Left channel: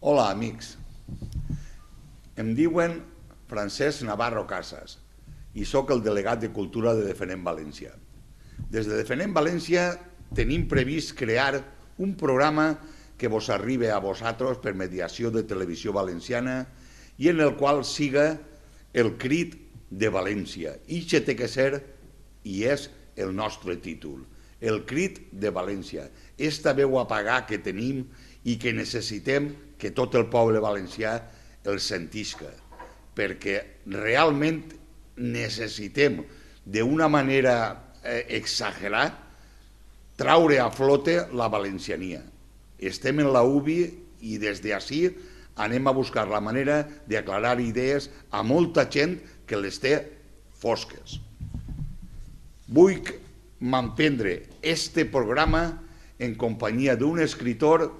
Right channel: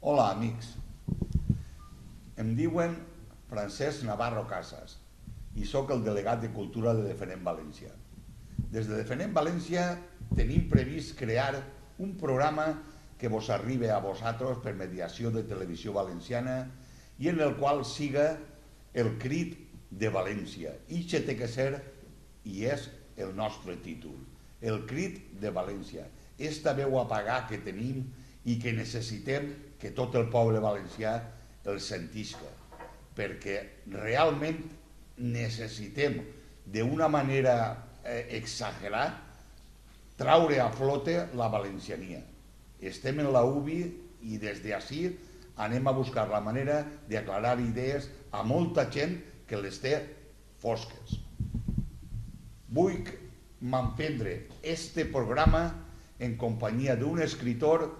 Hola, amics. Em diuen Francesc Navarro Casas i sóc el delegat de Cultura de Defenem València. Des de Defenem València tenim previst crear un programa que vos arribi a vosaltres per mediació de Televisió Valenciana i en el qual siga el crit de València. Ixe té que ser, i és el nostre títol, el crit de València. Esta veu apagada que tenim i que necessitem que tot el poble valencià el sentisca, perquè realment necessitem d'una manera exagerada traure a flote la valenciania. Estem en la UBI i des d'ací anem a buscar la manera d'aclarar idees a molta gent que les té fosques. Vull m'emprendre este programa en companyia d'un escritor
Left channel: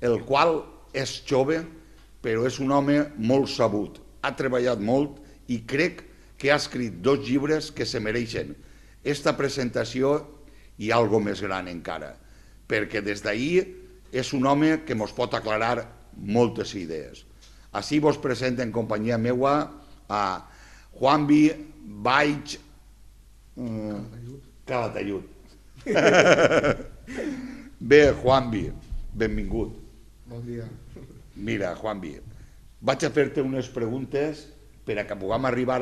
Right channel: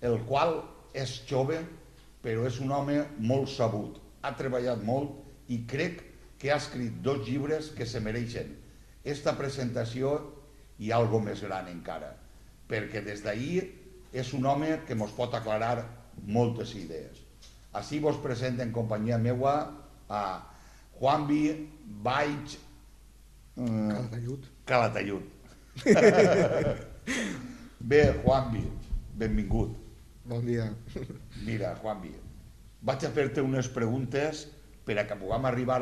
el qual és jove però és un home molt sabut, ha treballat molt i crec que ha escrit 2 llibres que se mereixen esta presentació i algo més gran encara, perquè des d'ahir és un home que ens pot aclarar moltes idees. Així vos presento en companyia meua a Juanvi Baix Calatayud. Bé, Juanvi, benvingut. Bon dia. Mira, Juanvi, vaig a fer-te unes preguntes per a que puguem arribar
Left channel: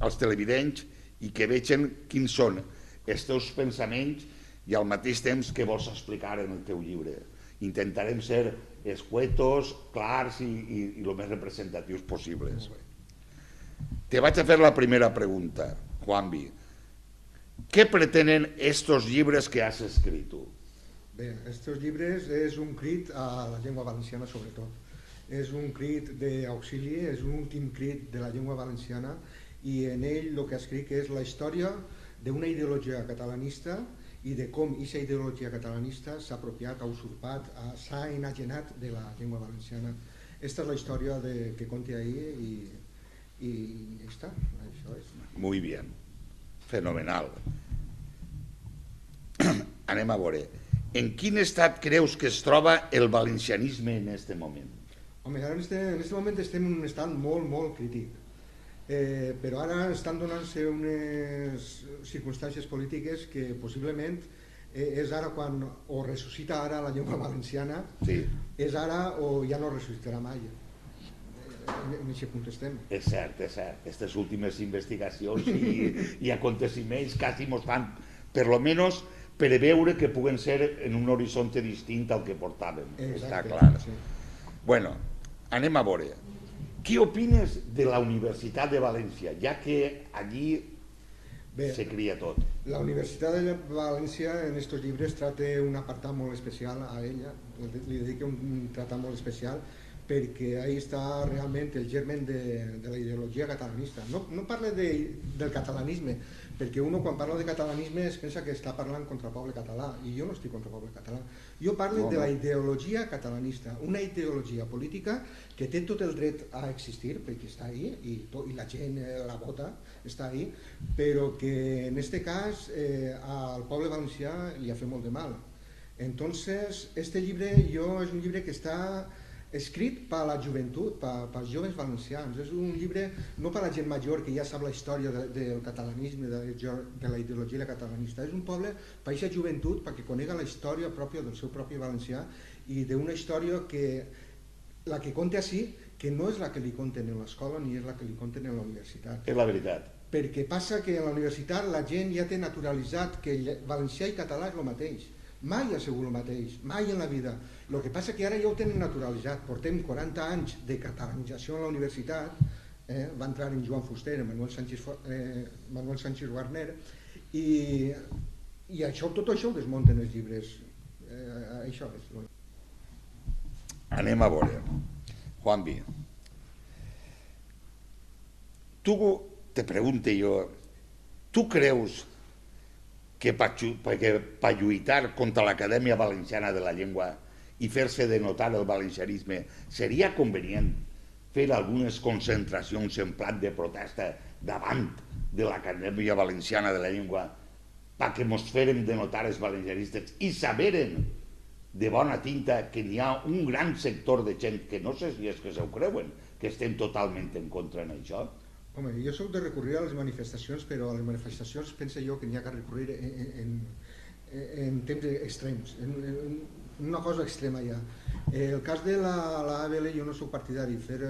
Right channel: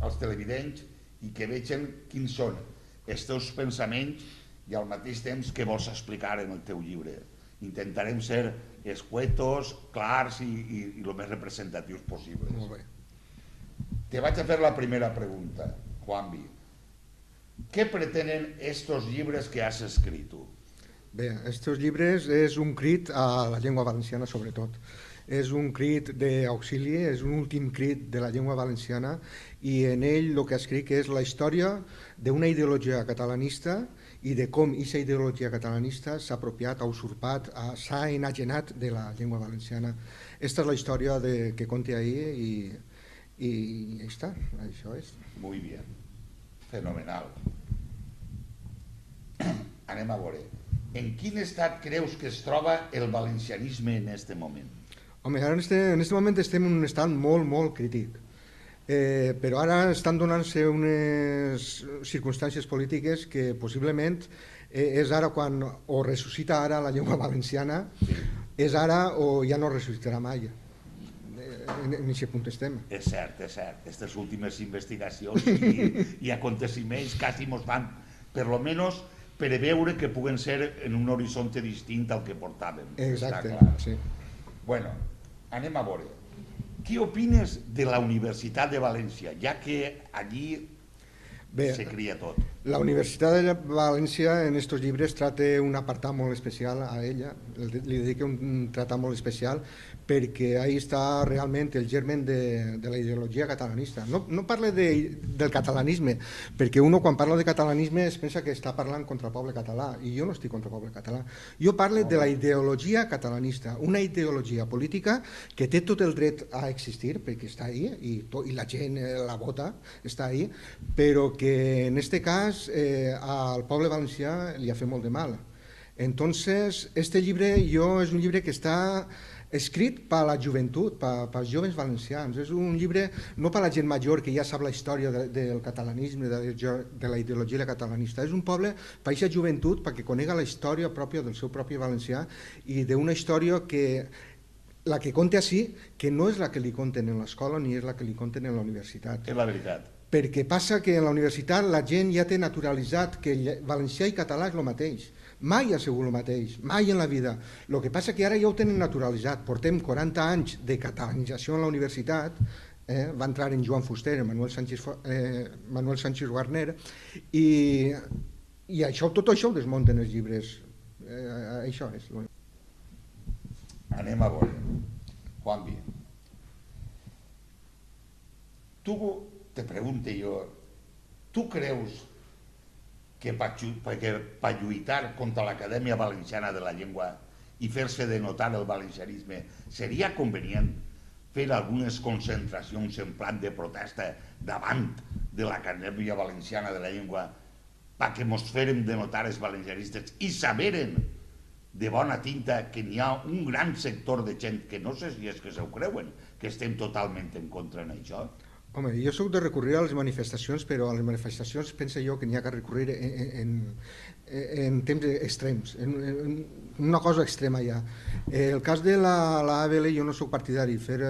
als televidents i que vegin quins són els teus pensaments i al mateix temps que vols explicar en el teu llibre. Intentarem ser escuetos, clars i el més representatius possibles. Molt bé. Te vaig a fer la primera pregunta, Juanvi. Què pretenen estos llibres que has escrit tu? Bé, estos llibres és un crit a la llengua valenciana sobretot. És un crit d'auxili, és un últim crit de la llengua valenciana i en ell el que escric és la història d'una ideologia catalanista i de com aquesta ideologia catalanista s'ha apropiat, ha usurpat, s'ha enajenat de la llengua valenciana. Esta és la història que conté ahir i ja està, això és. Muy bien, fenomenal. Anem a veure. En quin estat creus que es troba el valencianisme en aquest moment? Home, ara en este moment estem en un estat molt, molt crític. Però ara estan donant-se unes circumstàncies polítiques que possiblement és ara quan o ressuscita ara la llengua valenciana, Sí. és ara o ja no ressuscitarà mai. En aquest punt estem. És cert, és cert. Aquestes últimes investigacions i aconteciments quasi ens fan, per lo menos, preveure que puguen ser en un horitzonte distint al que portàvem. Exacte, Està clar. sí. Bueno, anem a veure. Què opines de la Universitat de València, ja que allí Bé, se cria tot? la Universitat de València en estos llibres trata un apartat molt especial a ella, li dedica un tractat molt especial perquè ahí està realment el germen de la ideologia catalanista. No parla del catalanisme, perquè uno quan parla de catalanisme es pensa que està parlant contra el poble català, i jo no estic contra el poble català. Jo parlo de la ideologia catalanista, una ideologia política que té tot el dret a existir, perquè està ahí, i la gent la vota, està ahí, però que en este cas al poble valencià li ha fet molt de mal. Entonces, este llibre és un llibre que està escrit per a la joventut, per als joves valencians. És un llibre no per a la gent major que ja sap la història del catalanisme, de la ideologia catalanista. És un poble per a aquesta joventut perquè conega la història pròpia del seu propi valencià i d'una història que la que conta així, que no és la que li conten en l'escola ni és la que li conten en la universitat. És la veritat. Perquè passa que en la universitat la gent ja té naturalitzat que valencià i català és el mateix. Mai ha sigut el mateix, mai en la vida. El que passa que ara ja ho tenen naturalitzat. Portem 40 anys de catalanització en la universitat, va entrar en Joan Fuster, en Manuel Sánchez Guarner, i tot això ho desmunten els llibres. Això és. Anem a veure. Juanvi, tu, te pregunto jo, tu creus que per lluitar contra l'Acadèmia Valenciana de la Llengua i fer-se denotar el valencianisme seria convenient fer algunes concentracions en plan de protesta davant de l'Acadèmia Valenciana de la Llengua perquè mos fèrem de notar els valencianistes i saberen de bona tinta que n'hi ha un gran sector de gent que no sé si és que s'ho creuen, que estem totalment en contra en això. Home, jo soc de recurrir a les manifestacions, però a les manifestacions penso jo que n'hi ha que recurrir en temps extrems, en una cosa extrema ja. El cas de la ABL jo no soc partidari de fer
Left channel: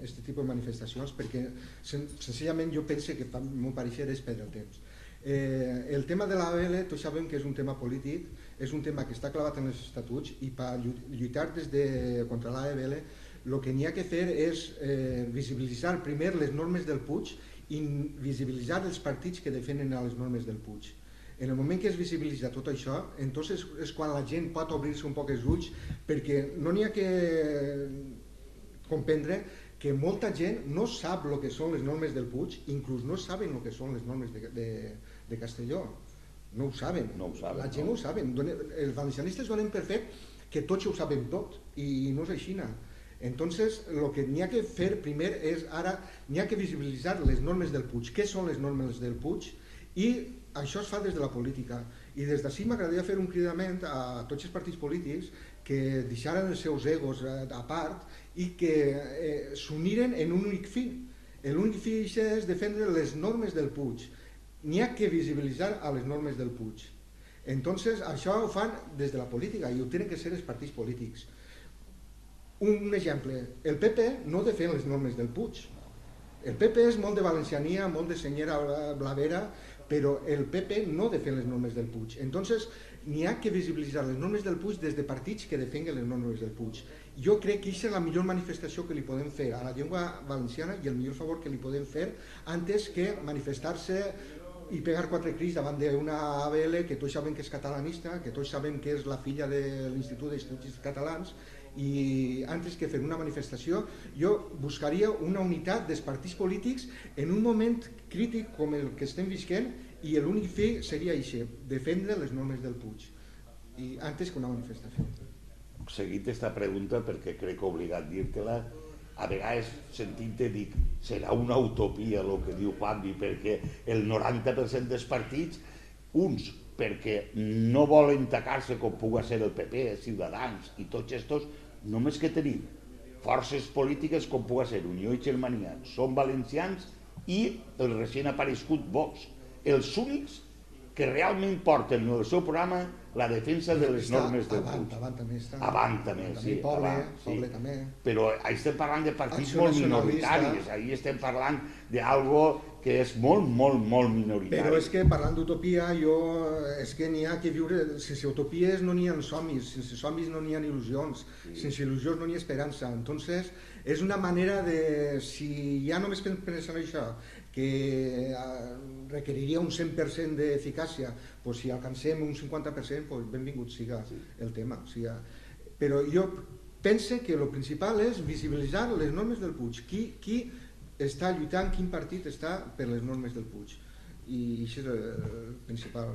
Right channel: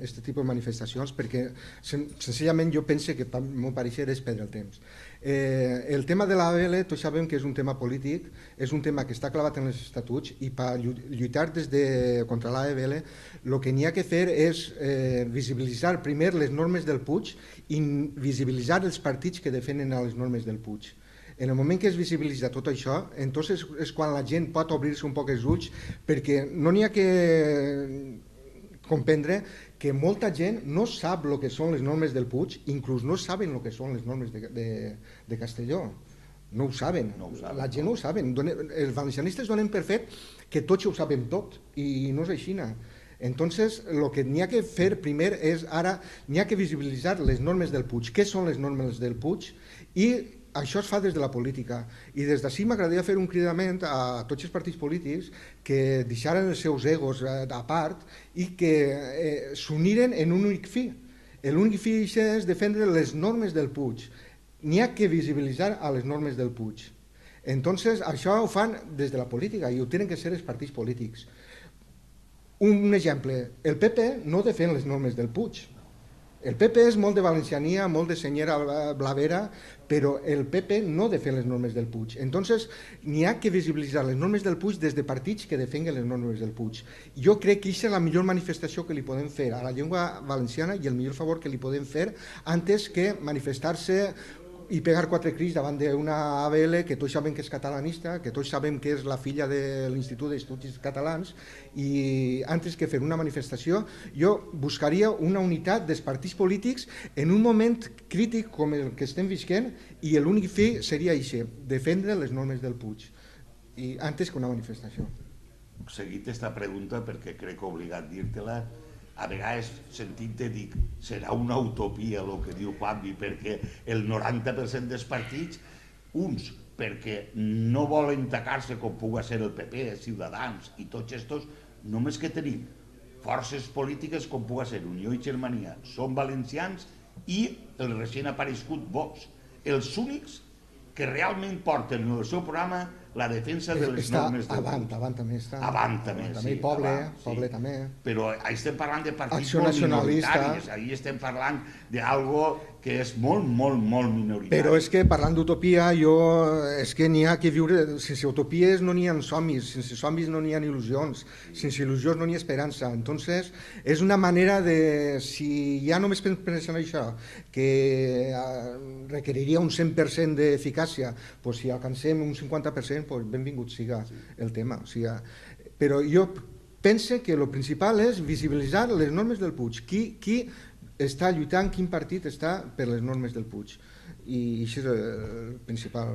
aquest tipus de manifestacions perquè senzillament jo penso que pel meu parecer és perdre el temps. El tema de l'ABL tots sabem que és un tema polític, és un tema que està clavat en els estatuts i per lluitar contra l'ABL el que n'hi ha que fer és visibilitzar primer les normes del Puig i visibilitzar els partits que defenen les normes del Puig. En el moment que es visibilitza tot això, entonces és quan la gent pot obrir-se un poc els ulls, perquè no n'hi ha que comprendre que molta gent no sap el que són les normes del Puig, inclús no saben el que són les normes de Castelló. No ho saben, la gent no ho saben. Els valencianistes donen per fet que tots ho sabem tot, i no és així. Entonces, el que n'hi ha que fer primer és, ara, n'hi ha que visibilitzar les normes del Puig. Què són les normes del Puig? I això es fa des de la política. I des d'ací m'agradaria fer un cridament a tots els partits polítics que deixaren els seus egos a part i que s'uniren en un únic fi. L'únic fi és defendre les normes del Puig. N'hi ha que visibilitzar a les normes del Puig. Entonces, això ho fan des de la política i ho tenen que ser els partits polítics. Un exemple, el PP no defèn les normes del Puig. El PP és molt de valenciania, molt de senyera blavera, però el PP no defèn les normes del Puig. Entonces, n'hi ha que visibilitzar les normes del Puig des de partits que defenguen les normes del Puig. Jo crec que aquesta és la millor manifestació que li podem fer a la llengua valenciana i el millor favor que li podem fer antes que manifestar-se i pegar quatre crits davant d'una ABL que tots sabem que és catalanista, que tots sabem que és la filla de l'Institut d'Estudis Catalans, i antes que fer una manifestació jo buscaria una unitat dels partits polítics en un moment crític com el que estem visquent, i l'únic fi seria això, defendre les normes del Puig, i antes que una manifestació. Seguit esta pregunta, perquè crec obligat dir-te-la, a vegades sentint-te dic, serà una utopia el que diu Juanvi, perquè el 90% dels partits, uns perquè no volen tacar-se com pugui ser el PP, Ciutadans i tots estos, només que tenim forces polítiques com pugui ser Unió i Germania, són valencians i el recient aparegut Vox, els únics que realment porten en el seu programa la defensa de les normes del Puig. Avant també està. Avant també, sí. Poble també. Però estem parlant de partits molt minoritaris, ahir estem parlant d'algo que és molt, molt, molt minoritari. Però és que parlant d'utopia, és que n'hi ha que viure, sense utopies no n'hi ha somnis, sense somnis no n'hi ha il·lusions, sense il·lusions no n'hi ha esperança. Entonces, és una manera de, si ja només pensen això, que requeriria un 100% d'eficàcia, si alcancem un 50%, benvingut siga el tema. Però jo penso que el principal és visibilitzar les normes del Puig. Qui està lluitant, quin partit està per les normes del Puig. I això és el principal.